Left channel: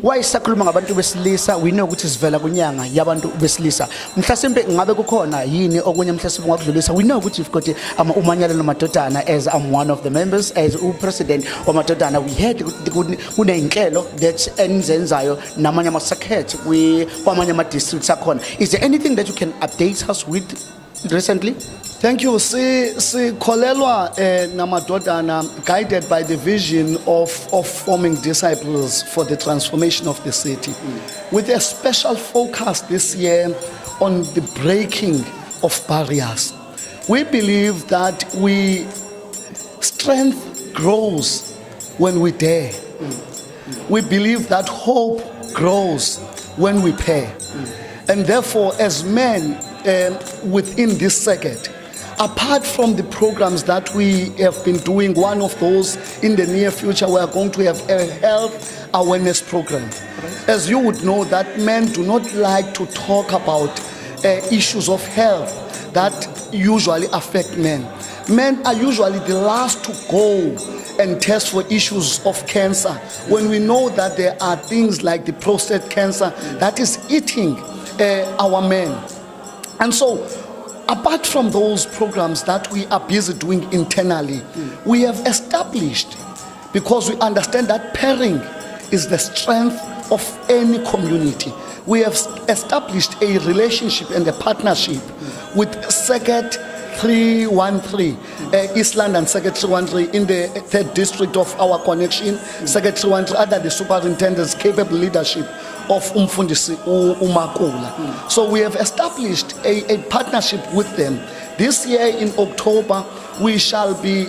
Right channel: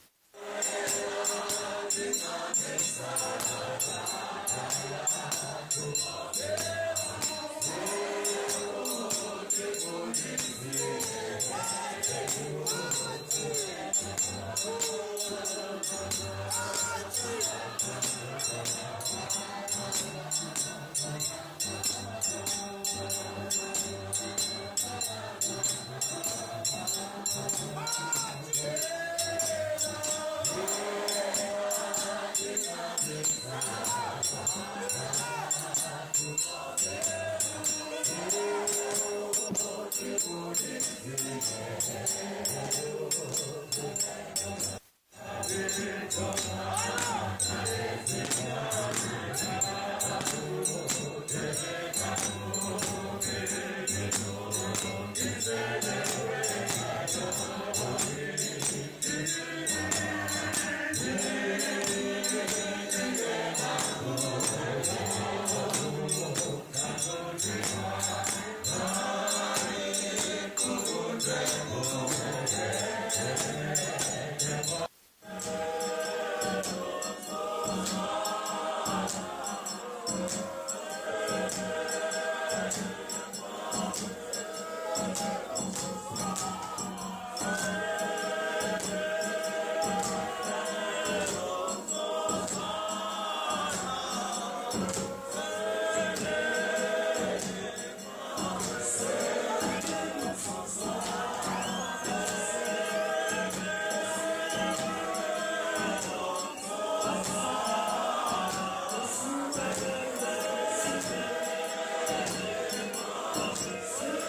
Why sakhuluma ngabantu besilisa we know ukuthi sivela kunyanga yabantu besilisa mhlasimbe ngabe kukhona yini okunye mhlasimbe ngakudlulisa we know ukuthi we've got umanyala nomadodana as I'm one of the members as president wamadodana we had kuneyinhlelo that enzenzayo namanye ama-circuit kwamanye ama-districts akhona. Is there anything that you can update us with recently? Thank you. Sikholelwa namadodana guided by the vision of forming disciples for the transformation of the city, with a special focus this year on the breaking of barriers. We believe that strength grows when we dare. We believe that hope grows when we pay. And therefore, as men within this circuit, apart from the programs that we have been doing, one of those in the near future, we are going to have a health awareness program. As you would know, that men do not like to talk about issues of health that usually affect men. Men are usually the last to go and test for issues of cancer when we know that there are things like the prostate cancer that is eating our men. And so, apart from those programs that we are busy doing internally, we have established, because we understand that pairing is the strength of any community, we have established a relationship and a partnership with Circuit 313, East London Circuit 313 in the 3rd district of our connection, Circuit 313 under the superintendent's capable leadership of Umfundisi Umakula. So we have established a partnership with them. This year in October, we shall be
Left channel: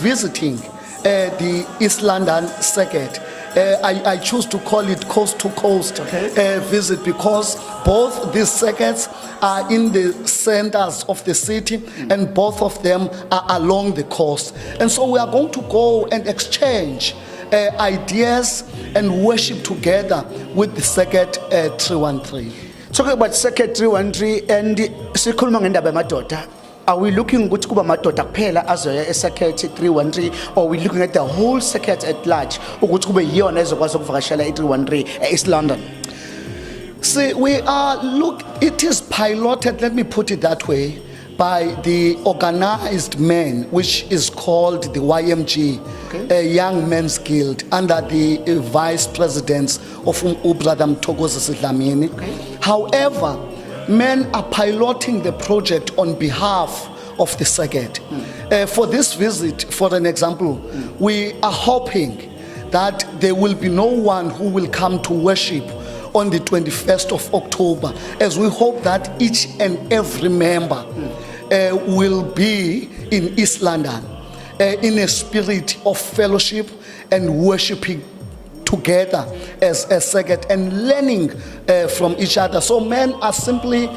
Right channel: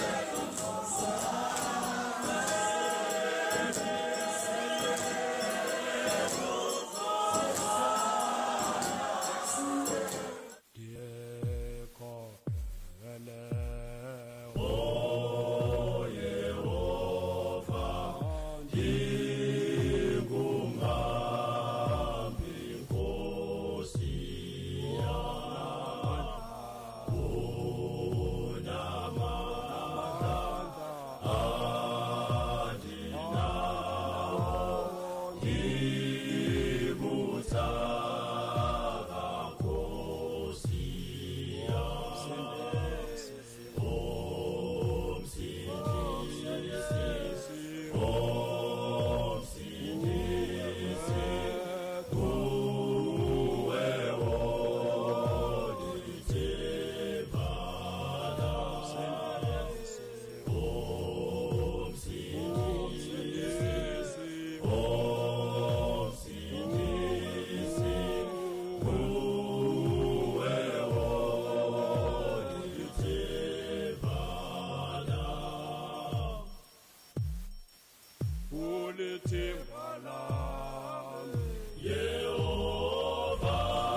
visiting the East London Circuit. I choose to call it coast to coast visit because both these circuits are in the centers of the city and both of them are along the coast. And so we are going to go and exchange ideas and worship together with the Circuit 313. Talking about Circuit 313 and sikhuluma ngendaba yamadoda. Are we looking ukuthi kuba madoda kuphela azoya eCircuit 313 or are we looking at the whole circuit at large ukuthi kube yiyona ezokwazi ukuvakashela i313 East London? See, it is piloted, let me put it that way, by the organized men, which is called the YMG, a Young Men's Guild, under the vice presidents of Brother Mthokozi Sidlamini. However, men are piloting the project on behalf of the circuit. For this visit, for an example, we are hoping that there will be no one who will come to worship on the 21st of October, as we hope that each and every member will be in East London in a spirit of fellowship and worshiping together as a circuit and learning from each other. So men are simply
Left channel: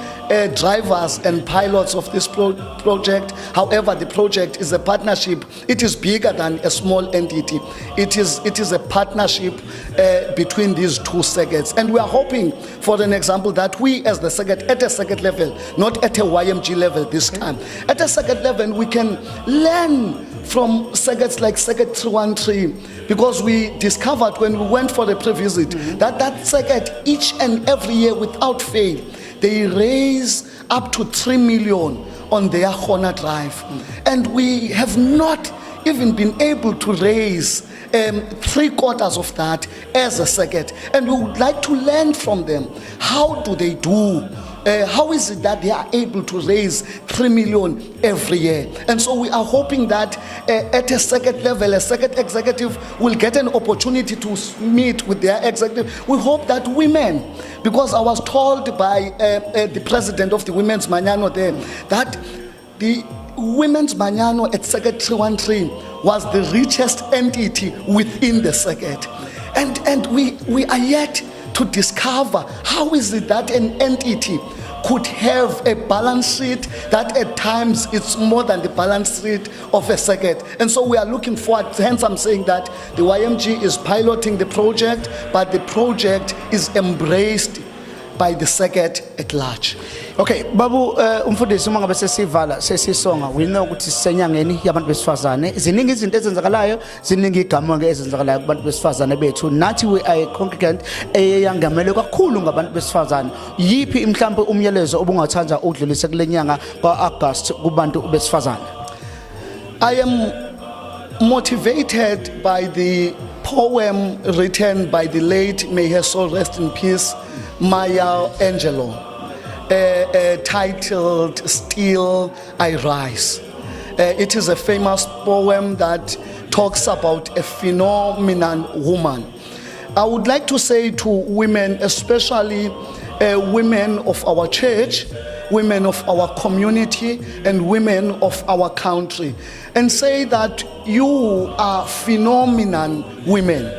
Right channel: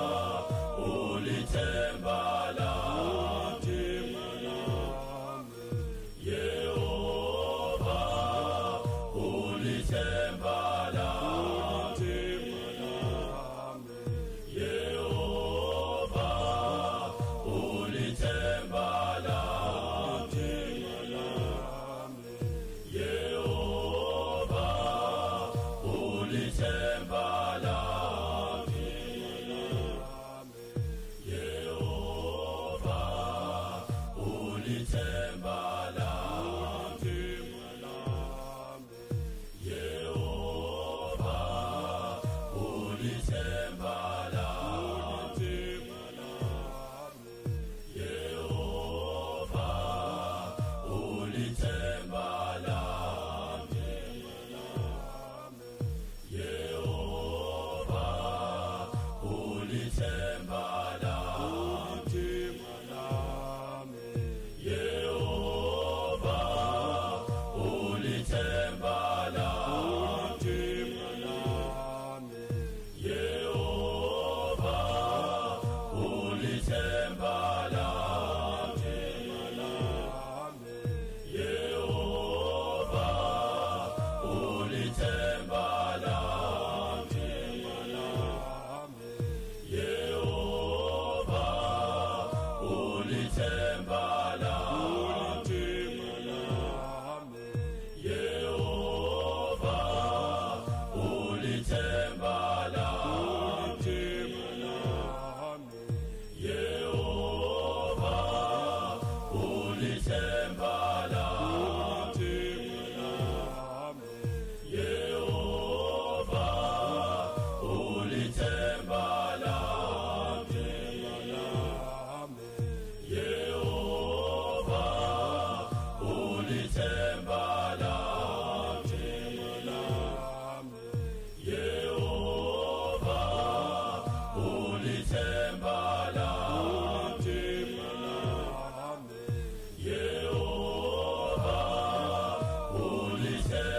drivers and pilots of this project. However, the project is a partnership. It is bigger than a small entity. It is a partnership between these two circuits. And we are hoping, for an example, that we as the circuit, at a circuit level, not at a YMG level this time, at a circuit level, we can learn from circuits like Circuit 313, because we discovered when we went for the pre-visit that circuit each and every year without fail, they raise up to 3 million on their Honor Drive. And we have not even been able to raise 3/4 of that as a circuit. And we would like to learn from them. How do they do? How is it that they are able to raise 3 million every year? And so we are hoping that at a circuit level, a circuit executive will get an opportunity to meet with their executive. We hope that women, because I was told by the president of the Women's Manyano there, that the Women's Manyano at Circuit 313 was the richest entity within the circuit. And we are yet to discover how is it that an entity could have a balance sheet that at times it's more than the balance sheet of a circuit. And so we are looking forward, hence I'm saying that the YMG is piloting the project, but the project is embraced by the circuit at large. Okay, babu umfundisi uma ngabe sesivala sesisonga we know ukuthi sisenyangeni yabantu besifazane ziningi izinto ezenzakalayo ziningi igama ke ezenzakalayo kubantu besifazane bethu nathi we are a congregant eyangamele kakhulu ngabantu besifazane yipi mhlawumbe umyalezo obungathanda udlulise kulenyanga kaAugust kubantu besifazane. I am motivated by the poem written by the late, may her soul rest in peace, Maya Angelou, titled Still I Rise. It is a famous poem that talks about a phenomenal woman. I would like to say to women, especially women of our church, women of our community, and women of our country, and say that you are phenomenal women.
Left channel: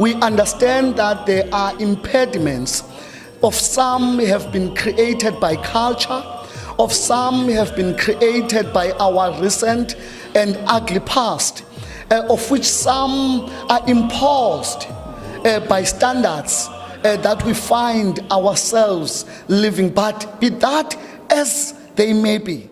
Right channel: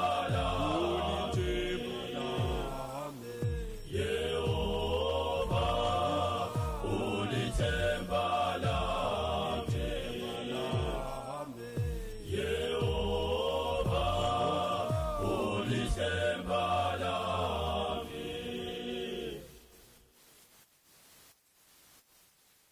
We understand that there are impediments. Of some have been created by culture, of some have been created by our recent and ugly past, of which some are imposed by standards that we find ourselves living. But be that as they may be,